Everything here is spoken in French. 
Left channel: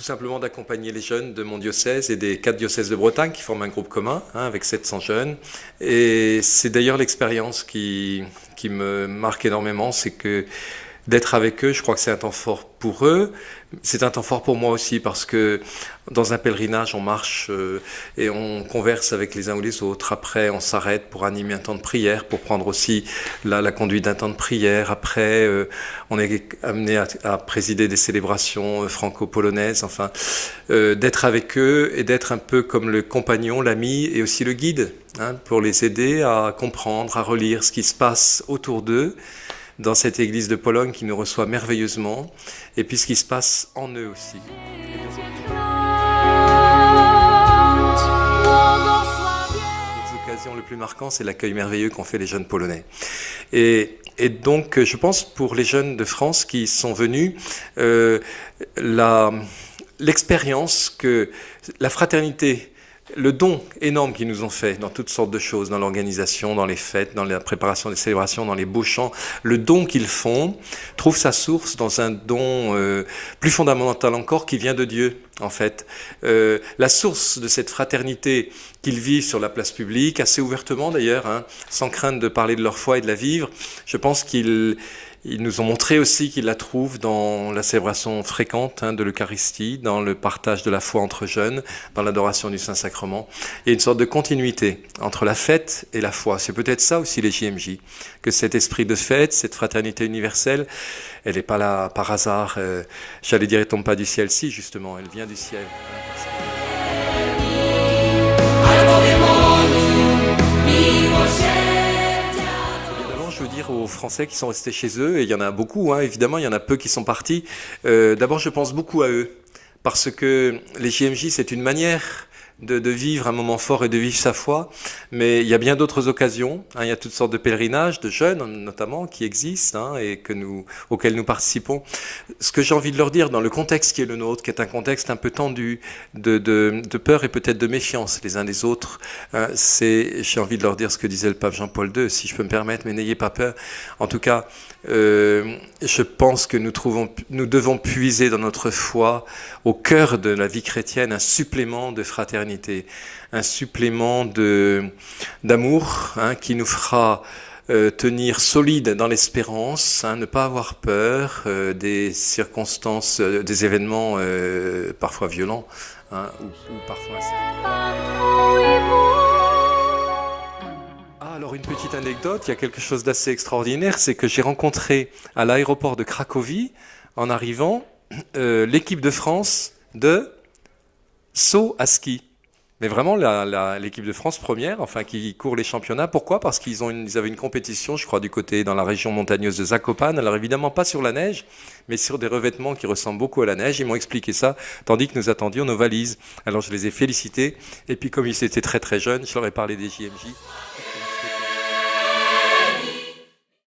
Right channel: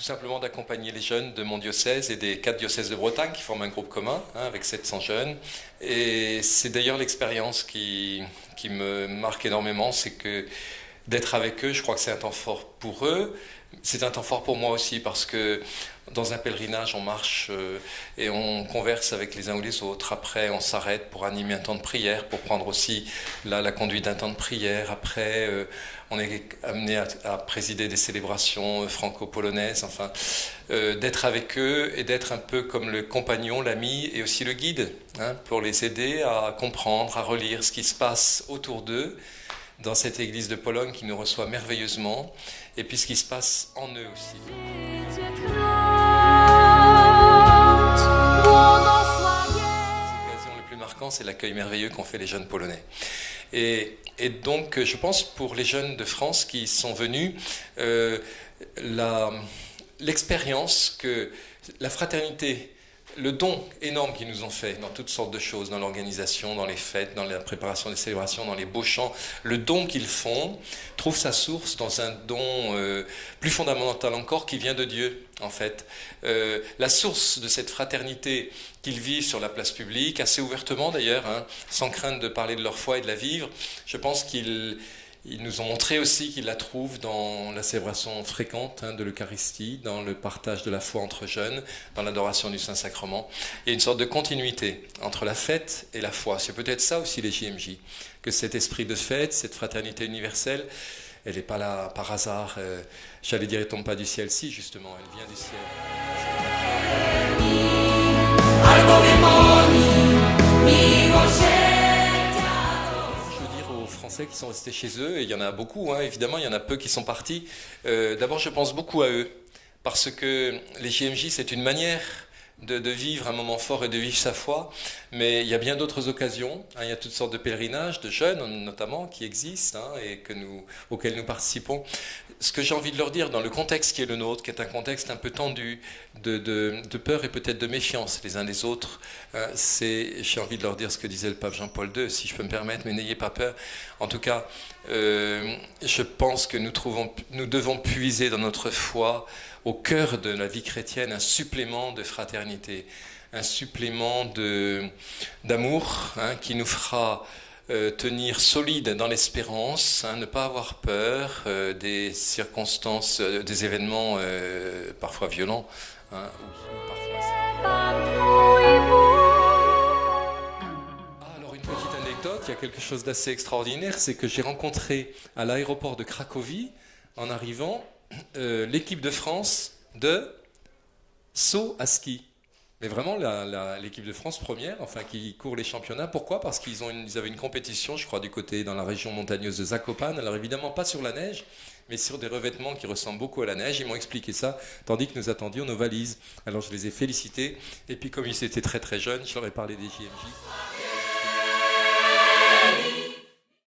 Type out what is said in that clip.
tout simplement d'accompagner les jeunes de mon diocèse et des 4 diocèses de Bretagne qui forment un groupe commun avec 700 jeunes. Et c'est d'ailleurs l'expérience qui me marque énormément, c'est que d'être avec eux, je crois que c'est un temps fort pour eux. C'est un temps fort pour moi aussi parce que dans un pèlerinage, on marche et on converse avec les uns ou les autres. Après, on s'arrête pour animer un temps de prière, pour prendre aussi la conduite d'un temps de prière. Après, on est amené à présider des célébrations franco-polonaises. Enfin, d'être avec eux et d'être un peu comme le compagnon, l'ami et aussi le guide, pour les aider à comprendre, à relire ce qui se passe autour d'eux dans cette église de Pologne qui nous reçoit merveilleusement, et puis ce qui se passe en eux aussi. L'occasion le plus marquant, c'est l'accueil merveilleux qu'ont fait les jeunes polonais. Et donc, je pense pour les jeunes de France qui sont venus, l'expérience que la fraternité, le don énorme qu'ils nous ont fait dans toutes sortes de choses, dans l'organisation, dans les fêtes, dans la préparation des célébrations, dans les beaux chants, le don qu'ils font trouve sa source dans un don plus fondamental encore qui vient de Dieu, en fait. La source de cette fraternité qu'ils vivent sur la place publique, assez ouvertement d'ailleurs, sans crainte de parler de leur foi et de la vivre, je pense qu'ils nous ont montré aussi qu'ils la trouvent dans la célébration fréquente de l'Eucharistie, dans le partage de la foi entre jeunes, dans l'adoration du Saint-Sacrement. Il y a une sorte de continuité entre la fête et la foi. C'est peut-être ça aussi les JMJ, que cet esprit de fête, cette fraternité universelle, elle n'est pas là par hasard. J'allais dire, elle ne tombe pas du ciel, si justement, elle vient du ciel. Aux Français qui sont restés chez eux, et il y en a beaucoup, évidemment, il y en a peu qui sont partis. D'abord, je pense beaucoup à eux, parce que les JMJ, c'est une manière de vivre un moment fort et de vivre sa foi, mais il y a bien d'autres occasions. Il y a toutes sortes de pèlerinages, de jeunes notamment, qui existent et auxquels nous participons. Ce que j'ai envie de leur dire dans le contexte qui est le nôtre, qui est un contexte un peu tendu, de peur et peut-être de méfiance les uns des autres, j'ai envie de leur dire ce que disait le pape Jean-Paul II, si je peux me permettre, mais n'ayez pas peur. En tout cas, je pense que nous devons puiser dans notre foi, au cœur de la vie chrétienne, un supplément de fraternité, un supplément d'amour qui nous fera tenir solide dans l'espérance, ne pas avoir peur des circonstances, des événements parfois violents ou parfois Alors une petite anecdote, il y a quelque chose d'assez extraordinaire, c'est que j'ai rencontré à l'aéroport de Cracovie, en arrivant, l'équipe de France de saut à ski. Mais vraiment l'équipe de France première, qui court les championnats. Pourquoi ? Parce qu'ils avaient une compétition, je crois, dans la région montagneuse de Zakopane. Alors évidemment pas sur la neige, mais sur des revêtements qui ressemblent beaucoup à la neige. Ils m'ont expliqué ça, tandis que nous attendions nos valises. Alors je les ai félicités. Et puis comme ils étaient très très jeunes, je leur ai parlé des JMJ.